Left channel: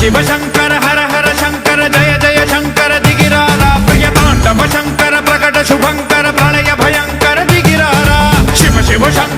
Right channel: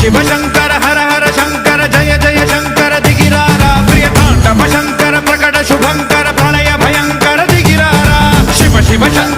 शिव शंकर हर हर शंकर जय जय शंकर दिगिरारा प्रिय तांडव शंकर प्रकट शुभंकर प्रणय भयंकर दिगिरारा शिव शिव शंकर